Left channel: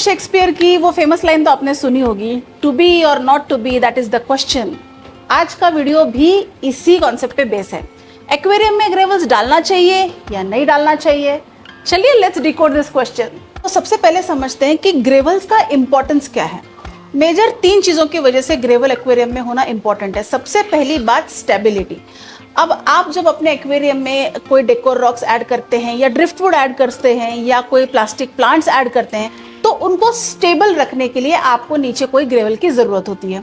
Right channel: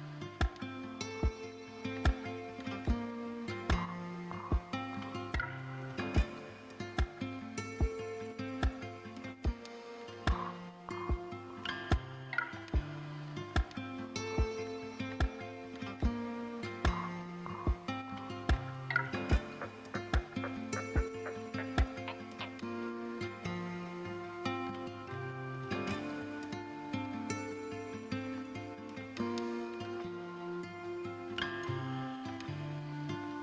Shakespeare की वो famous line तो आपने सुनी होगी, टू बी और not to be that is the question. आज का वीडियो भी इसी कॉन्सेप्ट पे बेस है। एक्वेरियम में ग्रेवल्स डालना चाहिए या नहीं डालना चाहिए? चलिए लेट्स डिकोड दिस क्वेश्चन। तो सबसे पहले समझते हैं कि ग्रेवल्स का इंपॉर्टेंस क्या है। मेजर 3 चीजों की वजह से ग्रेवल एक्वेरियम में होना इंपॉर्टेंट है। सबसे पहली बात स्टेबिलिटी। अब आप जब अपने एक्वेरियम में कोई डेकोर रॉक्स ऐड करते हैं या ड्रिफ्टवुड ऐड करते हैं या कोई प्लास्टिक प्लांट्स ऐड करते हैं तो उनको स्टेबल रखने के लिए आपको नीचे कोई ग्रेवल की जरूरत होती है।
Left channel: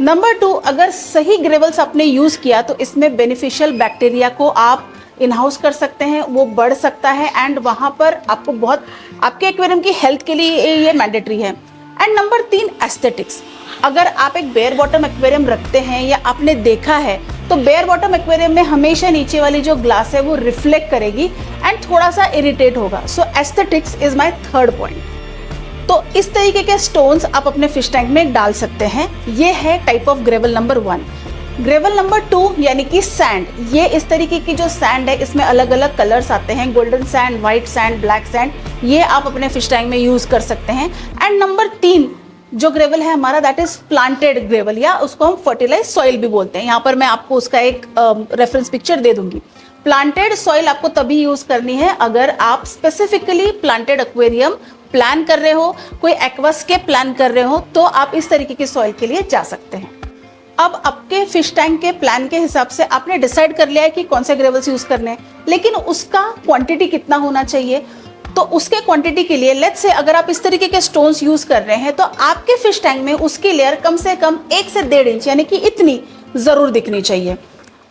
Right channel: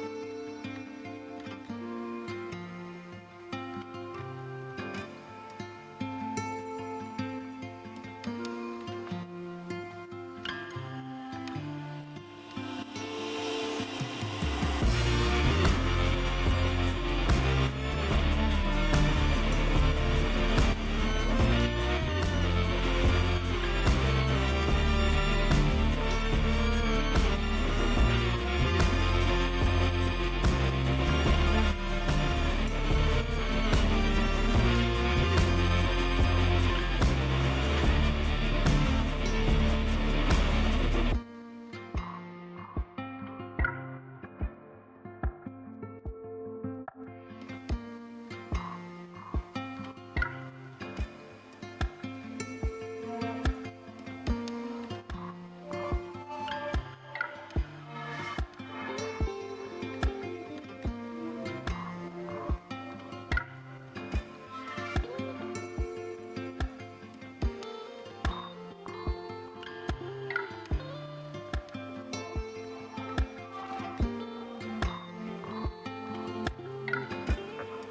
नंबर 2, अगर सही ग्रेवल्स आपने यूज किया तो इसमें बेनिफिशियल बैक्टीरिया को आप इन हाउस कर सकते हैं, वो बढ़ सकता है एंड वहां पर आपको बहुत आपके एक्वेरियम की हेल्थ के लिए ये मैंडेटरी है। And number 3, aesthetics. अगर आप एक बेयर बॉटम एक्वेरियम रखते हैं या आपने देखा है तो बेयर बॉटम एक्वेरियम में हमेशा नीचे वाली जो ग्लास है वो रिफ्लेक्ट करेगी एंड थोड़ा सा इरिटेट होगा। So aesthetics is my third point. तो इस तरीके के स्टोन्स आप अपने फिश टैंक में डाल सकते हैं। ये है type of gravel number 1। Gravel number 2 यानी कि सैंड। ये इस तरीके की जो सैंड है इसमें अलग अलग कलर्स आते हैं, golden sand, white sand, black sand. ये आप अपने फिश टैंक में यूज कर सकते हैं। एंड नंबर 3 जो ग्रेवल है हमारा दैट इज प्लांटेड ग्रेवल या उसको हम फर्टिलाइज सॉइल भी बोलते हैं। यहाँ पर मैं आपको उसका एक रेफरेंस पिक्चर दे दूंगी। प्लांटेड सॉइल आपको तभी यूज करनी है अगर आप स्पेसिफिकली प्लांटेड एक्वेरियम प्लान कर रहे हो, कोई एक्वास्केप प्लान कर रहे हो, तो आप इस तरीके की सॉइल के लिए जा सकते हैं। अब आपके फिश टैंक के प्लान के हिसाब से आपने डिसाइड कर लिया है कि कौन से ग्रेवल्स यूज करने हैं, लेकिन उसका क्वांटिटी कितना होना चाहिए। तो उसके क्वांटिटी के लिए लेट्स से अगर आप इस तरीके के स्टोन्स यूज कर रहे हैं तो आपके फिश टैंक में उसकी लेयर कम से कम 1 से 1.5 इंच यानी कि इतनी जरूर दिखनी चाहिए।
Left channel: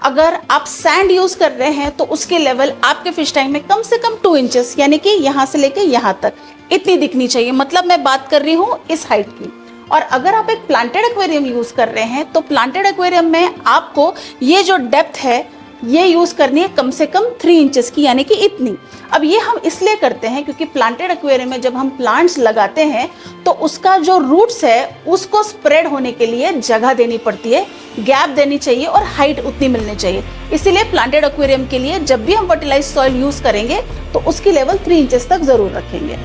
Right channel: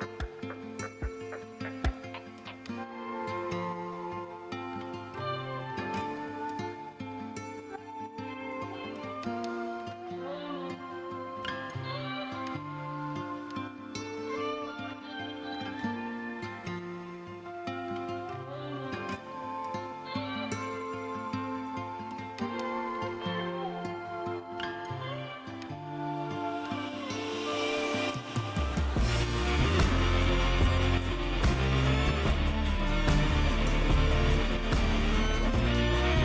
अगर आप सैंड यूज कर रहे हैं तो उसकी लेवल आपके फिश टैंक में कम से कम 2 इंचेस यानी कि यहाँ से लेके यहाँ तक इतनी दिखनी चाहिए। मतलब मैं बात कर रही हूँ इस हाइट की। और अगर आप एक प्लांटेड एक्वेरियम यूज कर रहे हैं तो प्लांटेड एक्वेरियम में आपको ये जो डेप्थ है ये यूज करनी है कम से कम 3 इंचेस की यानी कि इतनी। अब ये हम इसलिए करते हैं क्योंकि प्लांटेड एक्वेरियम में जब हम प्लांट्स लगाते हैं तो उसका जो रूट्स है उसको स्प्रेड होने के लिए जगह देनी पड़ती है, गैप देनी चाहिए और हाइट उतनी मिलनी चाहिए। इसीलिए प्लांटेड एक्वेरियम के लिए जब भी हम फर्टिलाइज सॉइल यूज करेंगे तो उसकी लेवल 3 इंचेस तक जरूर रखेंगे।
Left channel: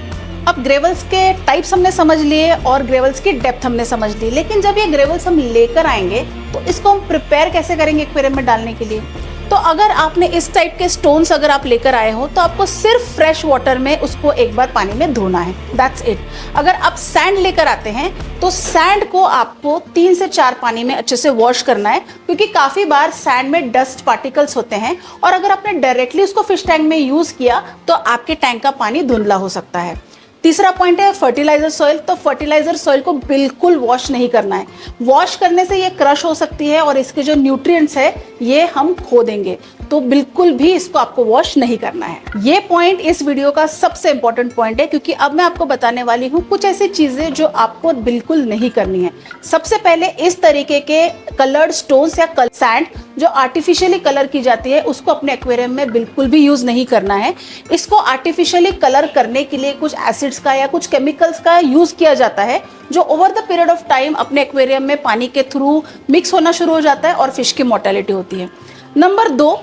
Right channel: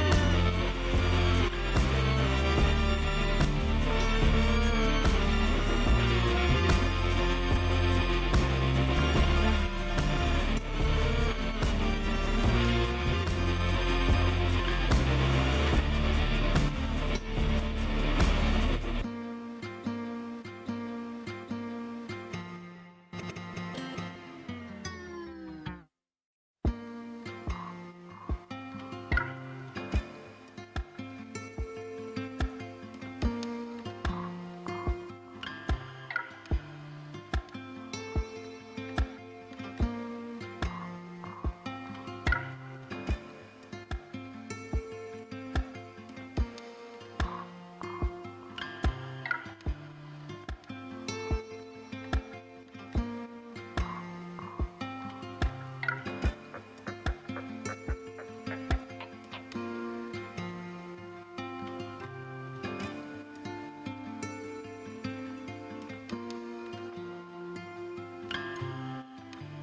अब ग्रेवल्स के टाइप्स हमने समझ लिए और ग्रेवल्स की डेप्थ हमने समझ ली, लेकिन जब ये ग्रेवल्स हम लेकर आएंगे तो इसको हम प्रिपेयर कैसे करेंगे एक्वेरियम में डालने के लिए। तो अगर आपने इस टाइप के स्टोन्स अगर आप लेकर आए हो तो आपको सिर्फ फ्रेश वाटर में उसको एक बार पानी में धोना है, दैट्स इट। अगर आप सैंड लेकर आते हैं तो सैंड को आपको 3 से 4 पानी में अच्छे से वॉश करना है, क्योंकि काफी बार सैंड में डस्ट पार्टिकल्स होते हैं और अगर आपने डायरेक्टली उसको फिश टैंक में यूज किया तो आपके टैंक का पानी धुंधला हो सकता है। तीसरा पॉइंट है फर्टिलाइजर सॉइल। तो फर्टिलाइजर सॉइल को बिल्कुल वॉश नहीं करना है। वॉश करने से ये क्रश हो सकती है और इसके जो न्यूट्रिएंट्स है ये हम खो देंगे, तो बिल्कुल भी इसको आपको वॉश नहीं करना है। ये पॉइंट इस वीडियो का सबसे इंपॉर्टेंट पॉइंट है, क्योंकि अब मैं आपको बताने वाली हूँ कुछ ऐसी चीजें जो आपको बिल्कुल नहीं करनी है। सबसे पहले इस तरीके के कलर्ड स्टोन्स या सैंड जो आर्टिफिशियली कलर की जाती है उसको अपने एक्वेरियम में बिल्कुल भी यूज नहीं करना है। इसको आर्टिफिशियली कलर करने के लिए कुछ एसिड्स का या कुछ केमिकल्स का यूज किया जाता है जो over the period of time अपने एक्वेरियम में पानी के थ्रू मिक्स होना शुरू हो जाता है और फिश की मोर्टेलिटी होती है। नंबर 2,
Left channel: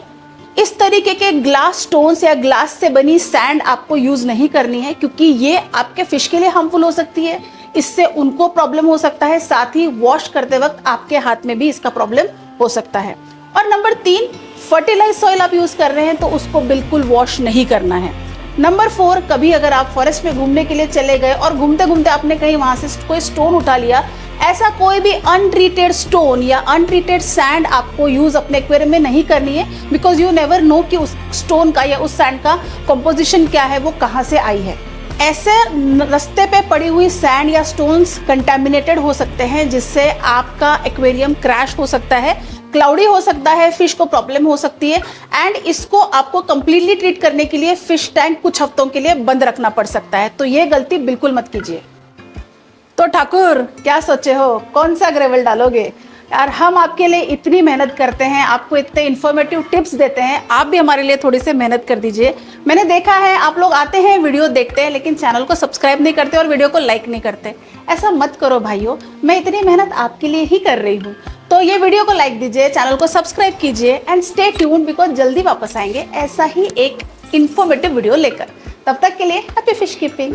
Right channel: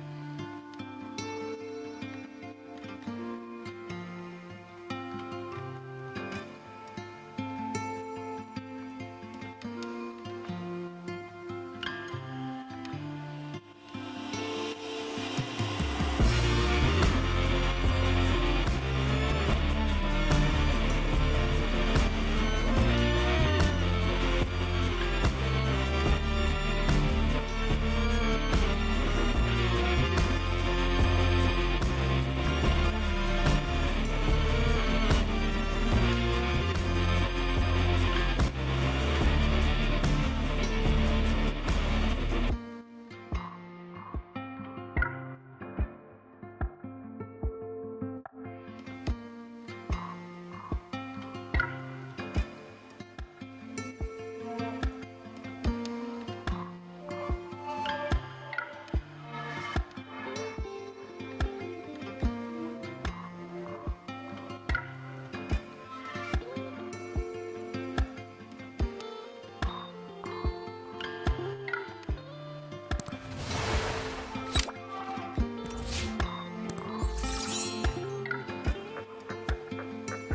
इस तरीके के ग्लास स्टोन्स या ग्लास से बनी सैंड आपको यूज नहीं करनी है, क्योंकि ये आपके फिश के लिए हार्मफुल हो सकती है। इससे उनको प्रॉब्लम हो सकता है, साथ ही वॉश करते वक्त आपके हाथ में भी इसका प्रॉब्लम हो सकता है। और नंबर 3, फर्टिलाइज सॉइल आप यूज कर रहे हैं तो उसको बिल्कुल वॉश नहीं करना है। नंबर 4, कभी अगर आप फॉरेस्ट में घूमने के लिए चले गए और घूमते घूमते आपने कहीं वहां से कोई स्टोन उठा लिया, ऐसा कोई भी अनट्रीटेड स्टोन या अनट्रीटेड सैंड आपको यूज अपने एक्वेरियम में नहीं करनी है, बिकॉज यू नेवर नो कि उस स्टोन का या उस सैंड का कंपोजिशन क्या है, वो कहाँ से आई है। ऐसे रास्ते पे पड़ी हुई सैंड या स्टोन्स कंटेमिनेटेड हो सकते हैं जिससे आपका एक्वेरियम क्रैश हो सकता है, क्लाउडी हो सकता है, फिश को प्रॉब्लम हो सकती है एंड इसको आपको कंप्लीटली ट्रीट करने के लिए फिश टैंक कुछ हफ्तों के लिए बंद रखना पड़ सकता है। तो ये गलती बिल्कुल मत कीजिए। तो ठाकुर क्या सोचे हो, कौन सा ग्रेवल डालोगे? यार हम आपके लिए इतनी मेहनत करते हैं, आपको इतने इन्फॉर्मेटिव टिप्स देते हैं, आप भी हमारे लिए थोड़ी सी मेहनत कर दीजिए। मैंने देखा है आप लोग आते हैं, वीडियो देखते हैं, लेकिन चैनल को सब्सक्राइब नहीं करते और वीडियो को लाइक नहीं करते। ऐसा मत करो भाइयों, मैं इतनी मेहनत आपके लिए ही कर रही हूँ। तो ये वीडियो को लाइक दीजिए, चैनल को सब्सक्राइब कीजिए एंड स्टे ट्यून्ड, बिकॉज जल्दी वापस आएंगे ऐसा ही एक इन्फॉर्मेटिव वीडियो लेकर। तब तक के लिए हैप्पी फिश कीपिंग।